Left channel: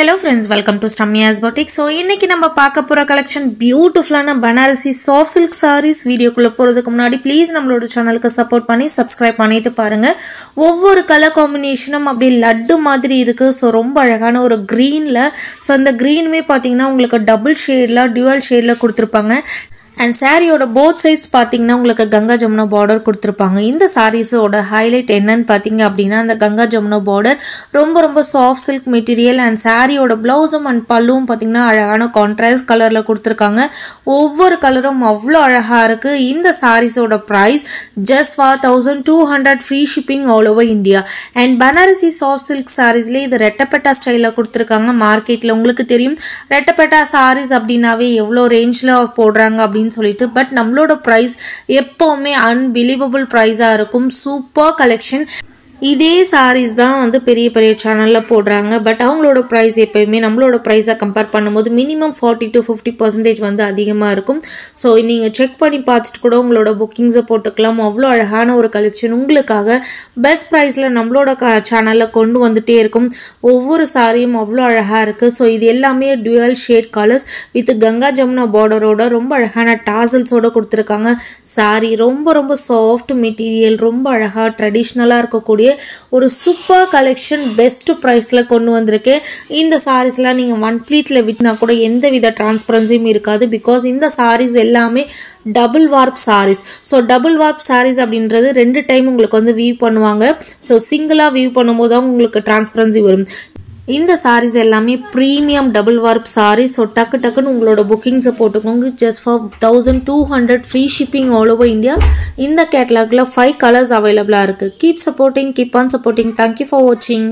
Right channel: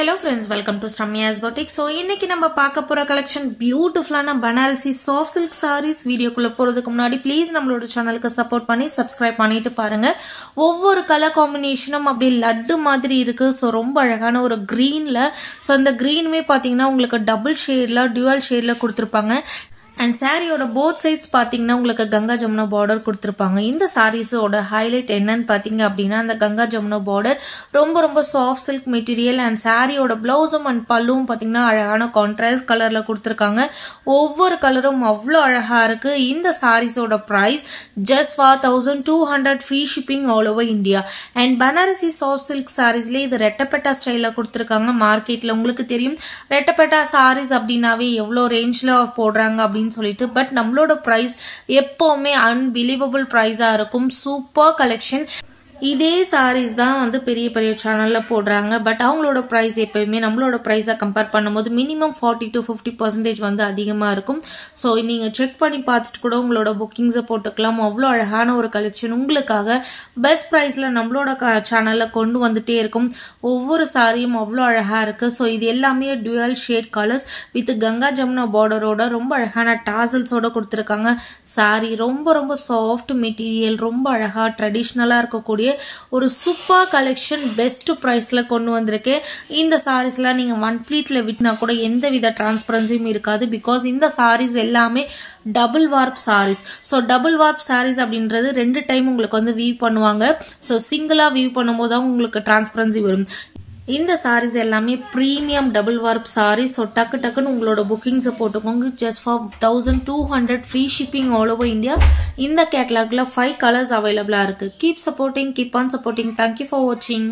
Hello friends, welcome to Ramya's Boutique. So இன்னைக்கு நம்ம பார்க்க போற collection beautiful-ஆன Banarasi soft silk sarees. வீடியோக்குள்ள போறதுக்கு முன்னாடி please நம்மளோட சேனலுக்கு சப்போர்ட் பண்ணி subscribe பண்ணிட்டு பாருங்க. ஒவ்வொரு கலர் காம்பினேஷனும் அப்படியே லட்டு மாதிரி இருக்கு. சோ ரொம்ப அழகான ஒரு greenல. சோ அந்த greenமே பாத்தீங்கன்னா உங்களுக்கு double shadeல dual shadeல கொடுத்திருப்பாங்க. And saree oda both sides பாத்தீங்கன்னா உங்களுக்கு கங்கா ஜமுனா border கொடுத்திருப்பாங்க. இந்த sarees ஓட highlight என்னன்னு பாத்தீங்க அப்படினா அந்த கங்கா ஜமுனா border ரொம்ப soft silk material and saree oda blouse and palluum பாத்தீங்கன்னா அழகான contrast கலர்ல கொடுத்திருக்காங்க. ஒவ்வொரு கலரும் அவ்ளோ அழகா இருக்கு. இந்த sarees ஓட price just for 1200 free shipping all over India. And Banarasi soft silk sareesல இது ரெட்டப்பட்டா ஸ்டைல்ல கொடுத்திருக்காங்க. மார்க்கெட்ல உங்களுக்கு தெரியும் ரெட்டப்பட்டா sarees அப்படினாவே எவ்ளோ ரேஞ்ச்ல போடுறாங்க அப்படி சொல்லிட்டு பட் நம்மளோட பிரைஸ் எப்பவுமே unbelievable பிரைஸா இருக்கும். Super collection. இதே sarees தான் வந்து பெரிய சேனல்ல போடுறாங்க பட் அவங்களோட பிரைஸ் எப்பவுமே நம்மளோட பிரைஸை கம்பேர் பண்ணும்போது மினிமம் 40 to 50% வந்து அதிகமா இருக்கும். சோ நீங்க செக் பண்ணி பார்த்துட்டு கூட உங்களோட புக்கிங்ஸை போட்டுக்கலாம். அவ்வளோ அழகான ஒரு கலெக்ஷன் உங்களுக்காக பெஸ்ட் பிரைஸ்ல நம்மளோட சேனல்ல கொண்டு வந்துட்டே இருக்கும். ஒவ்வொரு சாரியும் அவ்வளோ அழகா இருக்கு. சோ இது எல்லாமே dual shade colors with Ganga Jamuna பார்டரோட ரொம்ப அழகான டாசல்ஸோட கொடுத்திருக்காங்க. சாரி ரொம்ப சாஃப்ட் மெட்டீரியல் ரொம்ப அழகா ட்ரெடிஷனலா இருக்கக்கூடிய ஒரு சூப்பர் கலெக்ஷன் பெஸ்ட் பிரைஸ்ல கொண்டு வந்திருக்கு. இந்த சாரீஸ்ல நீங்க ஒன் ப்ளீட்ல விட்டுனா கூட எந்தவித டிரான்ஸ்பரன்சியும் இருக்காது. பிகாஸ் இந்த சாரீஸ் எல்லாமே double warp sarees. So double warp sarees அப்படின்றது 2 டைம் உங்களுக்கு வந்து வியூ பண்ணுவாங்க. ஸோ சிங்கிளா வியூ பண்ணும்போது தான் உங்களுக்கு டிரான்ஸ்பரன்சி வரும். இந்த sarees எல்லாமே premium double warp sarees. So டக்குன்னு உங்களோட bookings போட்டுக்கோங்க. Just for 1200 free shipping all over India. இந்த கேட்டலாக்ல 5 colors available இருக்கு. Keep supporting, keep on supporting. Thank you for watching.